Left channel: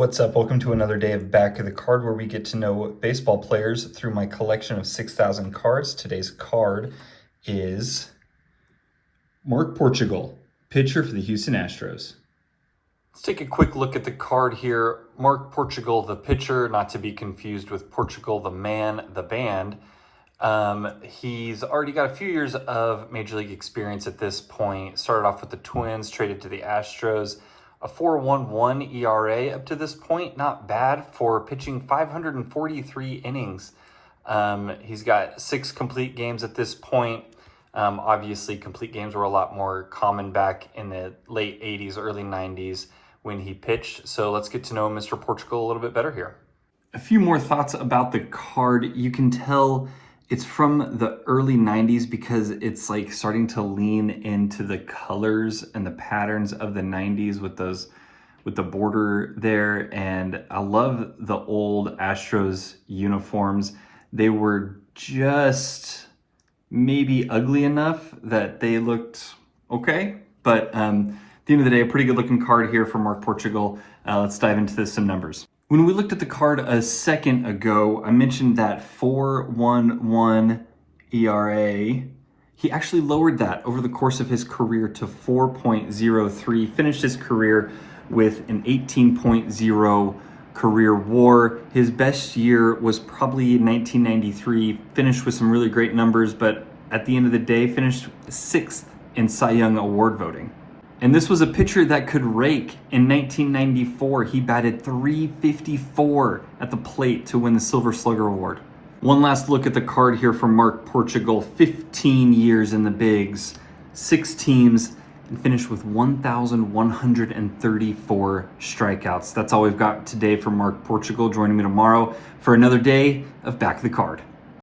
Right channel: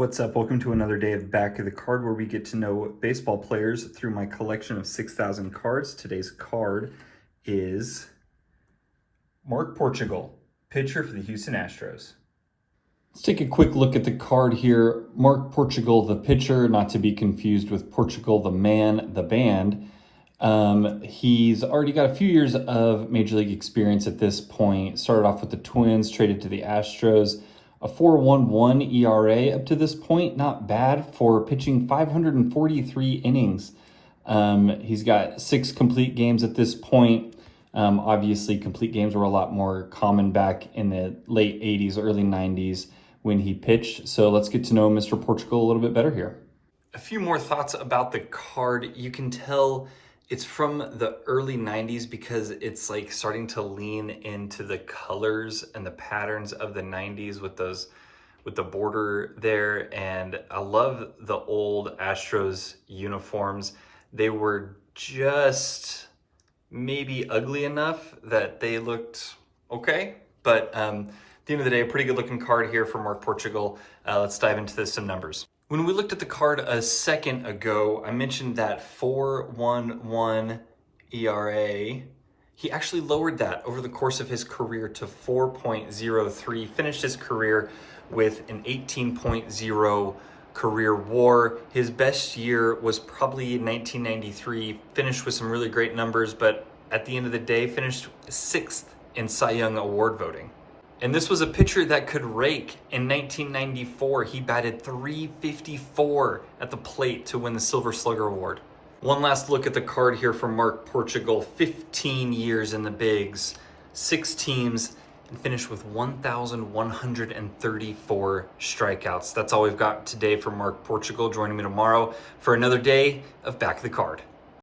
What's up? Welcome to another day of Back of the Card, where we get to know baseball players through my collection of 6,000 cards. Today's card is Mark Portugal, pitcher for the Houston Astros. Let's take a quick look at the card here. Mark Portugal, the pitcher, not to be confused with Portugal, the man, the band. He's already got a few years of Major League experience at this point. Started off with the Twins, traded to the Astros. A 4.11 ERA up to this point, not bad for pitching 543 innings. He's got 6 complete games at this point. Obviously, complete games were a lot more common back in the late 80s, early 90s when he pitched. So let's get to know Mr. Portugal a little bit better here. A few more thoughts about the card. You can tell it's from the early 90s because it's like starting to lean into the colors and the patterns of the 90s with the border there. And I love the old Astros uniforms. They were just maybe ugly enough that they looked okay. But at the end of the day, a pretty good looking card here from Mark Portugal. Let's dive into some numbers. When we looked at the card a second ago, I mentioned that 4.11 ERA. He actually lowered that over the course of his career to 4.03, finished his career with an 18.0 career WAR. His best year was probably 1993, finished with some really great numbers, but at the end of the day, finished 6th in Cy Young Award voting. And this was a pitcher that could rake. In 1994, he batted .354 at the plate to win the Silver Slugger Award. One last look at the card here from Mark Portugal. 15 years in the bigs, 6 teams, and finished with 1,134 strikeouts. That's all we've got today from Mark Portugal. Joining me tomorrow for another day of Back of the Card.